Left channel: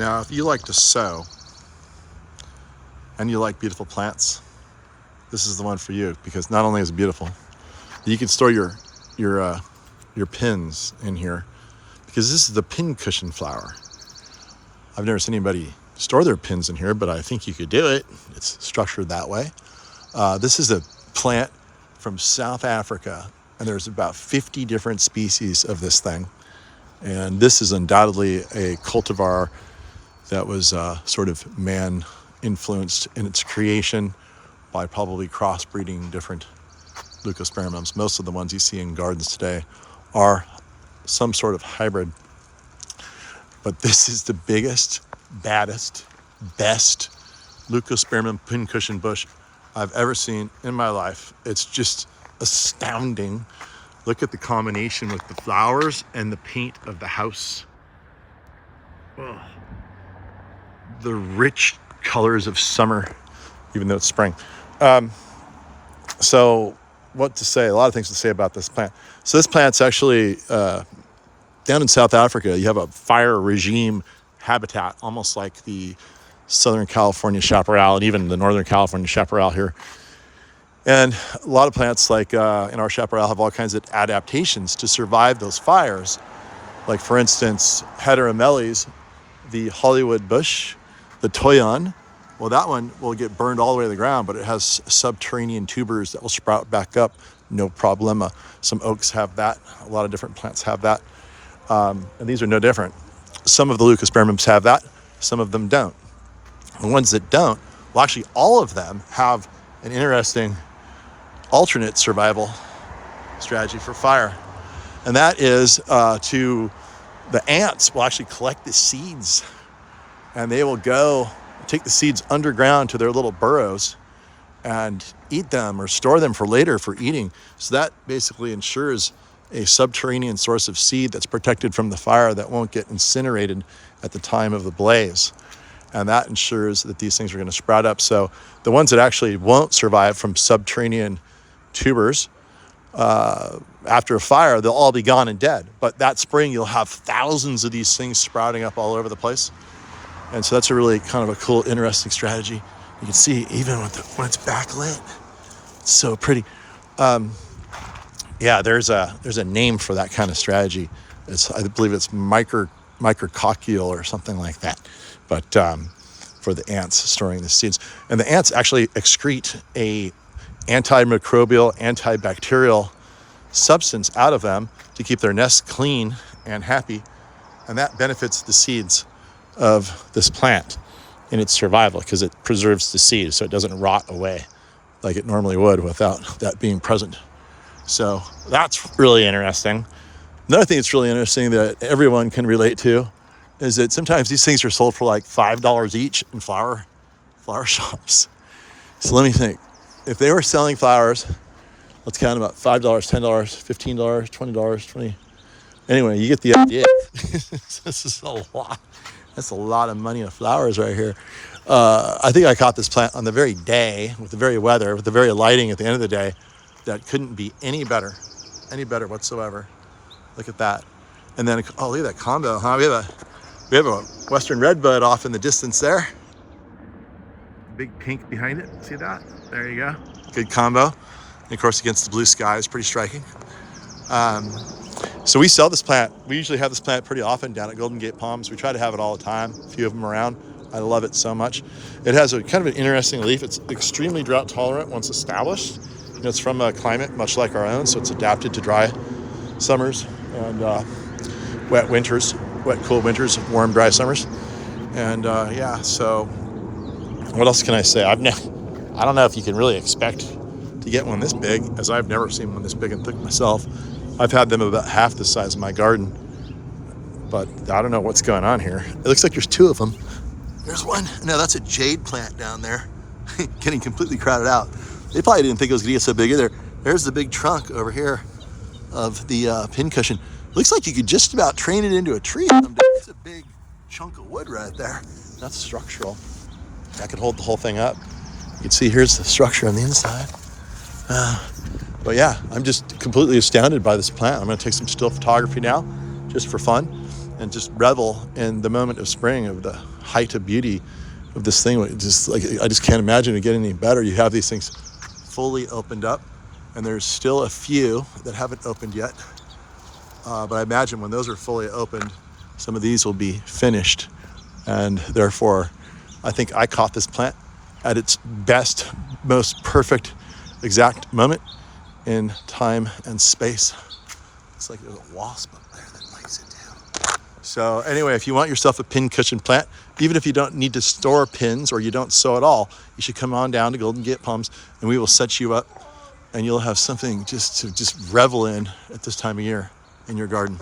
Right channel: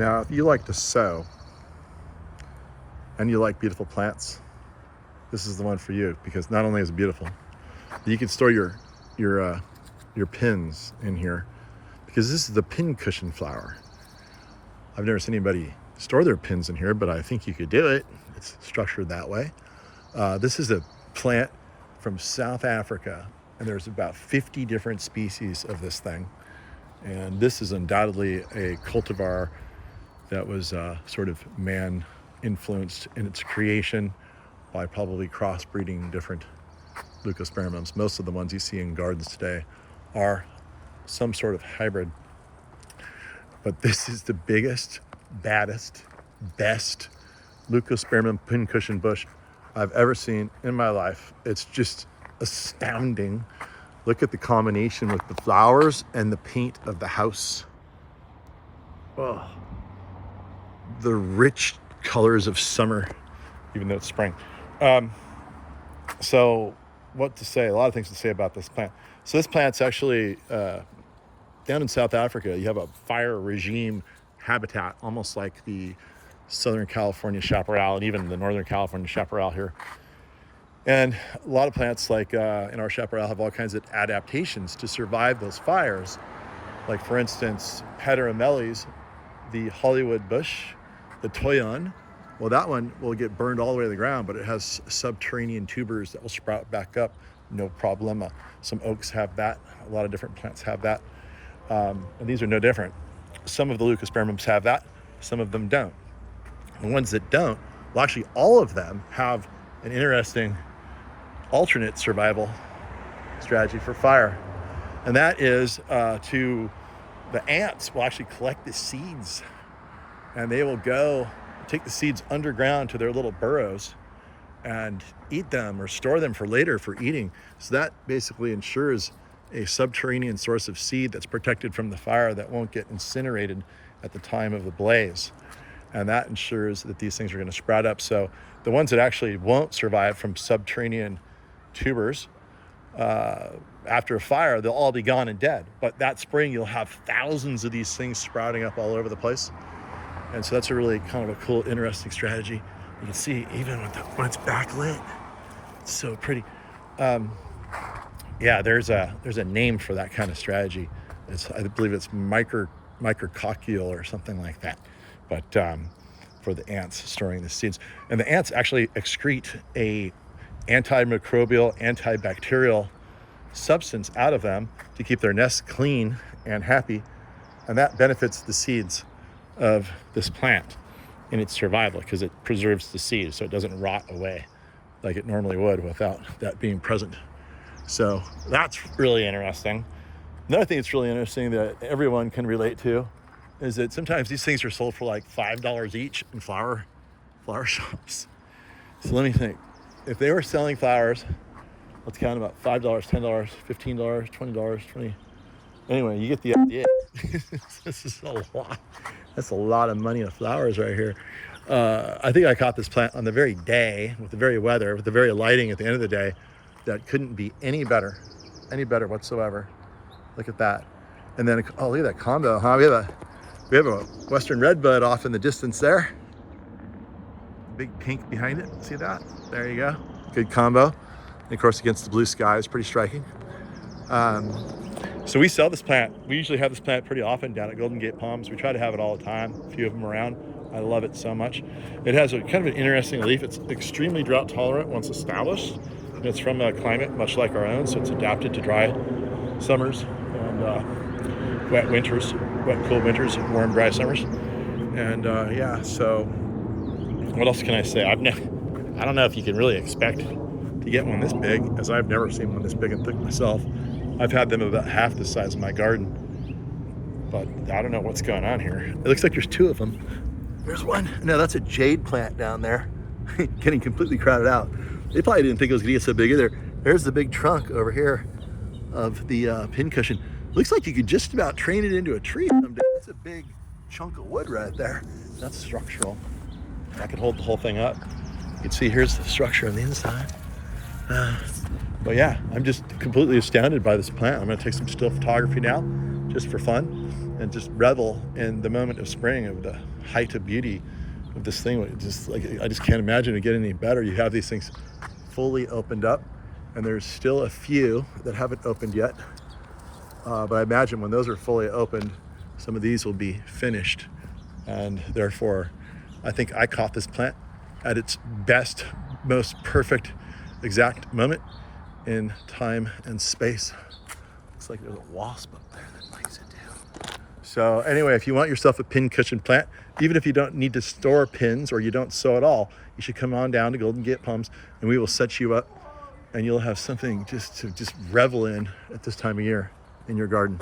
Now, if you like to sew and you like beautiful plants, this is the one for you, because not only is it beautiful, you can store your pins in here, because this is the pin cushion flower. I've never seen anybody store their pins in here, but I think you could do it. It's structured that way. This is a plant from South Africa, and there's about 50 different species of this thing. And this is undoubtedly a cultivar that was sort of man-influenced in its creation by probably crossbreeding different LePTOSPERMUMs. Most of the ones you see in gardens today are some sort of hybrid. But this is the biggest, baddest, best LePTOSPERMUM pincushion bush I've ever seen in my life. It's just astounding. Look at the combination with the flowers and the paint of the house. Oh, the rich colors of summer, even though it's spring. So what to say? A lot of things to say about this plant. So this plant's actually down in South Africa. You have a fire regime habitat, almost like the Southern California chaparral and even the Northern California chaparral here. And a lot of plants like in our chaparral have all kinds of adaptations to survive those fires. Like, for instance, Heteromeles, the Hollywood bush, the toyon. Well, that one will get burned all the way to the ground, but it has subterranean tubers that will sprout back up, no problema. Some oaks have that. A lot of different plants have that. And these are no different. Some of the LePTOSPERMUMs have that. Some of them don't. The ones that don't, well, actually all of them have an interesting alternate survival strategy for fire. And that is the ants will actually collect the seeds, and they will go take the seeds underground to their little burrows and eat them or store them for later for eating. So that basically ensures a subterranean source of seed that's protected from the fire that won't get incinerated at the time of the blaze. And that ensures that these things are going to sprout up. So the ones that actually won't survive from subterranean tubers, after a fire, they'll all be gone and dead. But that spring, you'll have thousands of these things sprouting up all over the place. And so that's a really kind of a cool, interesting strategy. You can see even when it's backlit, it's so pretty. Yeah, there's a name for that kind of strategy. I believe it's micrococciole or something like that. But for the ants storing the seeds. And the ants actually excrete a antimicrobial, antibacterial substance out of them to keep their nests clean and happy. And that benefits the seeds of this plant in its survival, because it preserves the seed so it doesn't rot away like it normally would without that being present. So that's really interesting. Another thing that's really interesting that everyone can relate to is that sometimes these things are sold for like $5 each in flower shops. So let me think. If they were selling flowers, let's count about $5, $10, $15, $20, $20. Anyway, you get the idea. This is a lot. That's a lot of money of flowers right here. I think I caught this plant on the very day, with the very weather, with the very lighting at the end of the day, that couldn't be any better whatsoever. Look at that. And then, oh, look at that combo, huh? We have a Western redbud off in the distance there. Big pink behind it, see that? There you go. Good combo. And of course, against the blue sky, it's pretty striking. So we sell this plant. We usually have this plant pretty often down at Golden Gate Palms. We try to have it all the time, a few of them around. I love it so much. It has a kind of an interesting leaf. It's extremely drought tolerant once established. And it's from a climate much like our own, so it's adapted to dry summers and wet winters, wet, cool winters, warm, dry summers. And yeah, so what else can I say? I don't know if you can really expect to get one this big, as I've never seen one this big and thick myself. I've had them about half the size of my garden, but I don't know what's going on here. It looks like there's two of them. There's one. No, that's a jade plant down there, getting completely crowded out. They probably didn't think it was gonna get so big either. There's the big trunk over here of the pincushion. Looks like you could just about train it into a tree someday. It's a big chunk of wood right there. That's structural. That could hold the whole thing up. You can see here's the structure on the inside. But yeah, I'm just completely astounded by this plant. I'm gonna take some still photography now, just for fun. and just revel in the moment of spring, of the height of beauty of this thing. Just like, I just can't imagine it getting any better. You have these things fully opened up, and there's still a few that haven't opened yet. But I imagine when those are fully opened, some of these will be finished. And therefore, I think I caught this plant at its best, most perfect, exact moment in time and space. Looks like there's a wasp up there that likes it too. So anyway, if you want yourself a pin cushion plant, even if you don't need to store pins or you don't sow at all, you should come on down to Golden Gate Palms and we will set you up, and you'll have something just to revel in at this time of year in your garden.